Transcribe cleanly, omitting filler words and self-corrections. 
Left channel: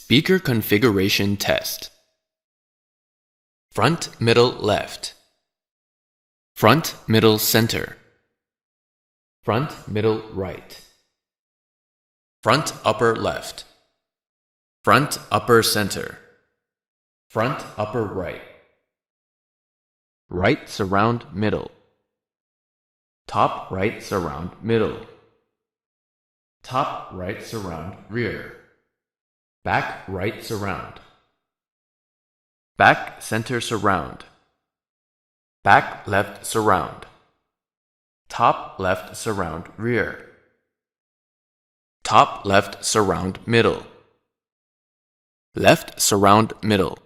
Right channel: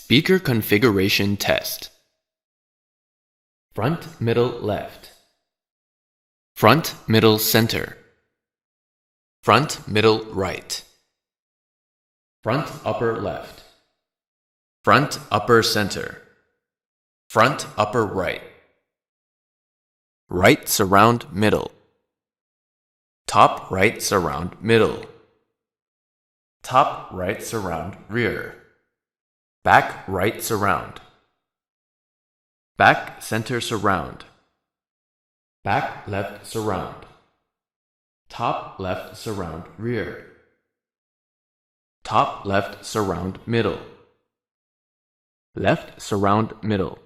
Speaker configuration test. Front, middle, left. Front, middle, center. Front, middle, right. Front, upper, left. Front, upper, center. Front, upper, right. Right, surround, middle. Top, right, surround, middle. Top, right, surround, rear. Back, right, surround. Back, center, surround. Back, left, surround. Top, left, surround, rear. Top, left, surround, middle. Left, surround, middle.